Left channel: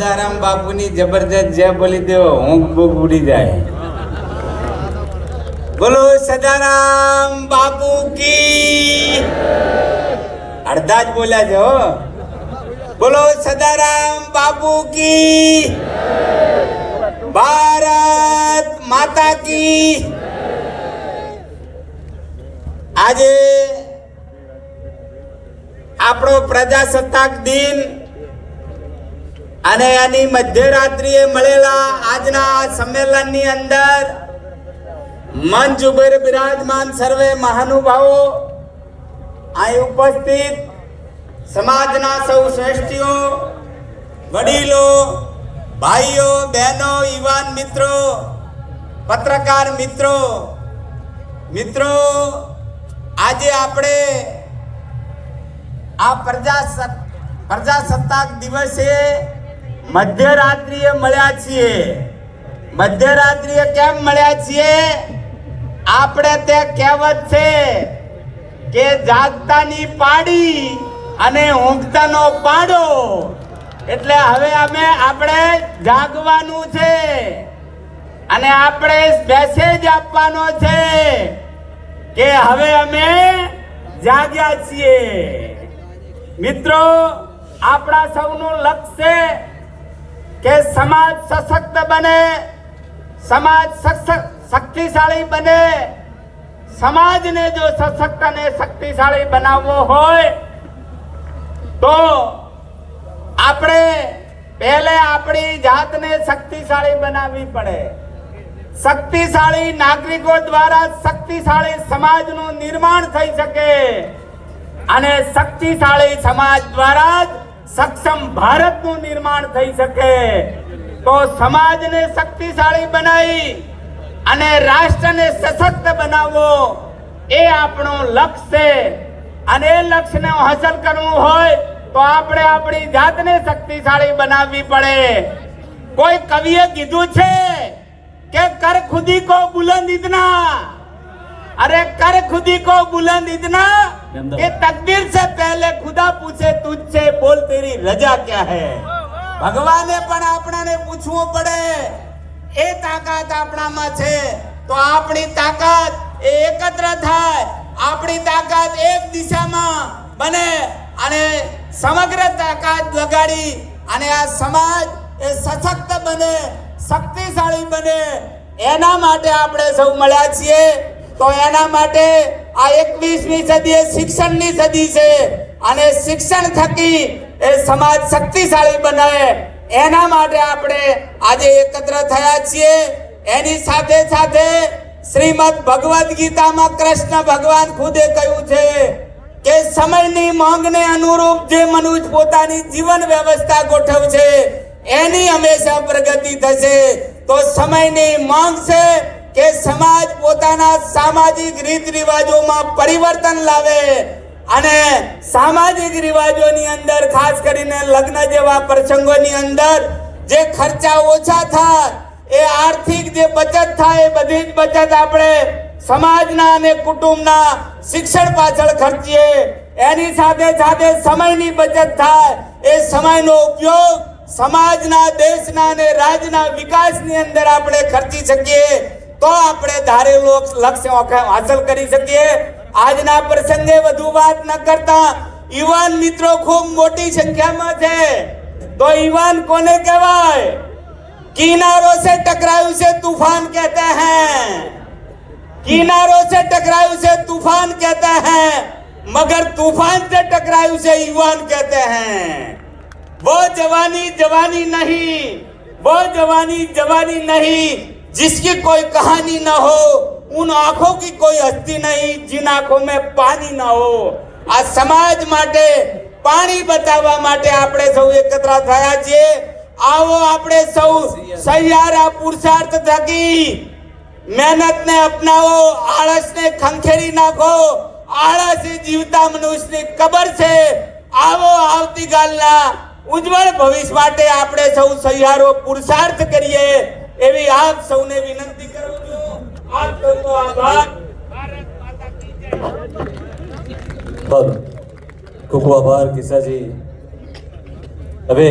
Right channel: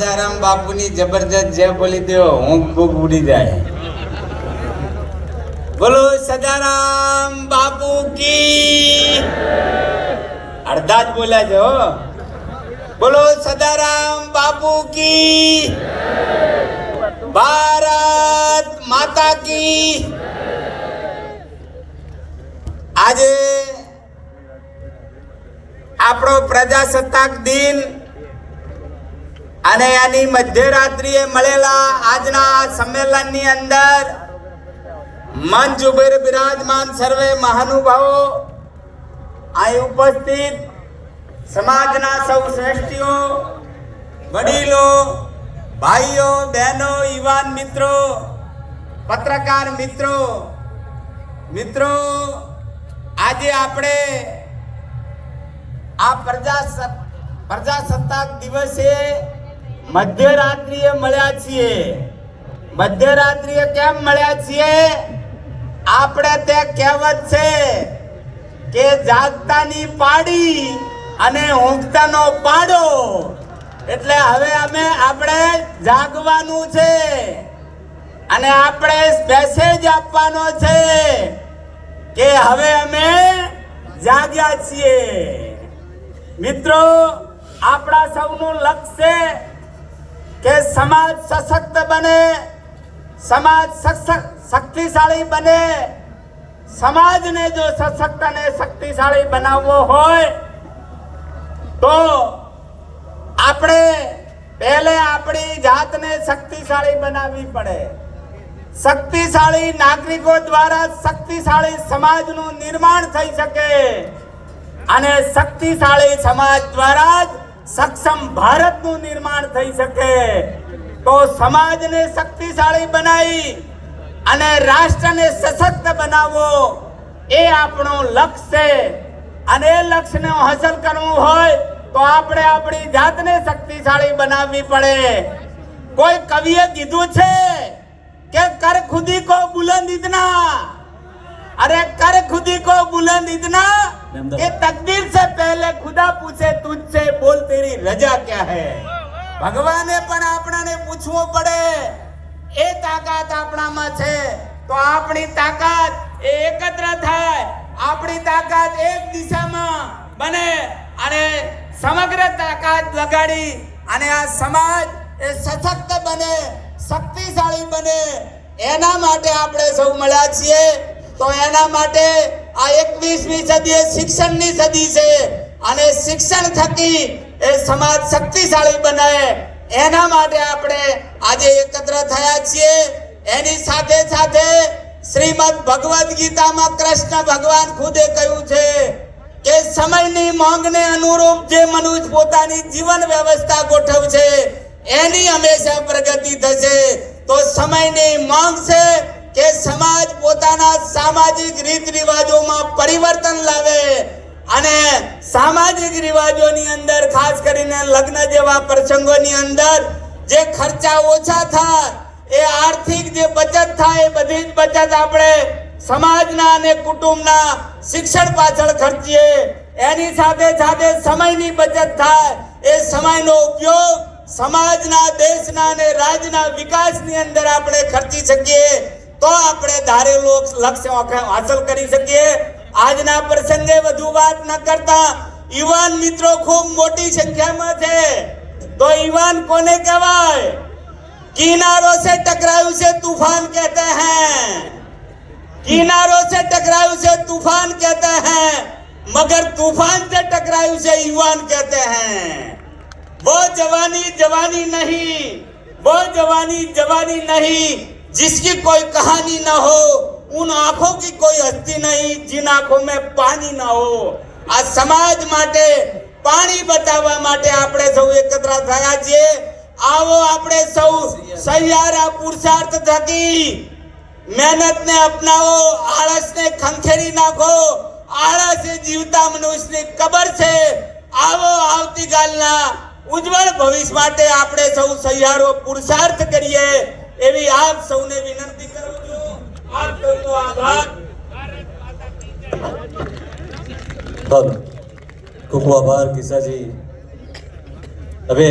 સદારામ બાપુની જબરદસ્ત જે બોલી દો ઊંઘ બૂઘ ઉડી જાય। બોલો સદારામ બાપુ કી। અડધા જ બોલ્યા છે હો। બોલો સદારામ બાપુ કી। ભારત માતા કી। આજે આપણો પ્રજાસત્તાક દિન અને એની મધ્યરાત્રિએ મળેલા આજના સંમેલનની અંદર મંચ ઉપર બિરાજમાન સર્વે મહાનુભાવો, અહીં ઉપસ્થિત સમાજના સૌ શ્રેષ્ઠીઓ, વડીલો, ભાઈઓ, બહેનો, યુવાન મિત્રો, પત્રકાર મિત્રો, આજે આપણે આ પ્રજાસત્તાક દિવસે મધ્યરાત્રિએ મળ્યા છીએ। મધ્યરાત્રિએ કેમ મળ્યા છીએ? આપણે તે કહેવત છે કે જાગતાની પાડી અને ઊંઘતાનો પાડો, એટલે હવે આપણે જાગવાનું છે અને આપણે મેસેજ આપવાનો છે કે હવે અમે જાગ્યા છીએ। મિત્રો, આપણા સૌનું લક્ષ્ય છે કે સમાજ સશક્ત બને, સમાજ શક્તિશાળી બને। સમાજને જો સશક્ત અને શક્તિશાળી બનાવવો હોય તો આપણે પહેલે આપણી જાતને શક્તિશાળી બનાવવી પડે। શક્તિશાળી નાગરિકો દ્વારા શક્તિશાળી સમાજનું નિર્માણ થઈ શકે અને શક્તિશાળી સમાજ દ્વારા જ સક્ષમ ભારતનું નિર્માણ થઈ શકે। તો સમાજને શક્તિશાળી બનાવી અને રાષ્ટ્રને સશક્ત બનાવવો એ આપણો લક્ષ્ય છે અને એ લક્ષ્યને હાંસલ કરવું હોય તો આપણે આપણી જાતને શક્તિશાળી બનાવવી પડે। કોઈ કવિએ કીધું છે કે कर खुदी को बुलंद इतना, अरे कर खुदी को बुलंद इतना कि तकदीर से पहले खुदा पूछे तुझसे बोल तेरी रजा क्या है। ભગવાને પણ આપણાને પૂછવું પડે, એ તાકાત આપણામાં છે તો આપણી તાકાત એ એકત્ર થાય, આપણી તાકાત એક દિશામાં બને અને સમગ્ર તાકાત લગાડી અને આ સમાજ એ સશક્ત બને, શક્તિશાળી બને। એના માટે આપણે સૌ મળ્યા છીએ। તો એના માટે આ 21મી સદી એ શિક્ષણની સદી છે અને શિક્ષણ થકી એ સમાજ શક્તિશાળી બને, એના માટે આપણે આજે એકત્ર થયા છીએ। એની સાથે સાથે શ્રીમદ ભગવદ ગીતામાં કૃષ્ણ ભગવાન ખુદે કહ્યું છે કે સમયની માંગને અનુરૂપ જે મનુષ્ય પોતાની જીવન વ્યવસ્થા ગોઠવશે એની હંમેશા પ્રગતિ થશે। તો સમયની માંગ છે કે સમાજ પોતાના સામાજિક રીત રિવાજોમાં પરિવર્તન લાવે અને સામાજિક રિવાજોની અંદર ખાસ કરીને લગ્ન જેવા પ્રસંગોની અંદર જે ખર્ચા ઓછા થાય, એ આર્થિક જે બચત થાય એ બધી જ બચત આપણે સમાજના અને કુટુંબના શિક્ષણ પાછળ ખર્ચીએ। એની સાથે સાથે સમયની બચત થાય, એ સમયનો ઉપયોગ સમાજના, દેશના અને રાજ્યના વિકાસની અંદર આપણે ખર્ચી શકીએ તો આપણે ધારેલું લક્ષ્ય હાંસલ કરી શકીએ। આજના પ્રસંગે વધુ વાત ન કરતા યુવાન મિત્રો ખૂબ મોટી સંખ્યામાં છે। તો યુવાન કોને કહેવાય? કિનારો से टकरायु से तूफान कहते हैं, किनारों से टकरायु से तूफान कहते हैं, मगर तूफान से टकरायु से युवान कहते हैं। वो जवानी जवानी नहीं, वो जवानी जवानी नहीं जिसकी कोई कहानी न हो, उन आंखों की कोई हस्ती नहीं जिन आंखों में पानी न हो। आ समाज माटे पानी बतावा माटे આપણે સૌ એકત્ર થયા છીએ। આવો આપણે સૌ સહિયારા પુરુષાર્થ થકી મહેનતને અપનાવો, આળસને ખંખેરી નાખો। આળસ એ જીવતા મનુષ્યની કબર છે। આવો આવતીકાલના ઉજ્જવળ ભવિષ્ય માટે આપણે સૌ સહિયારો પુરુષાર્થ કરીએ એવી આપ સૌને વિનંતી કરું છું। આપ સૌનો આભાર। ભારત માતા કી જય। ખૂબ ખૂબ આભાર કિસાજી। હવે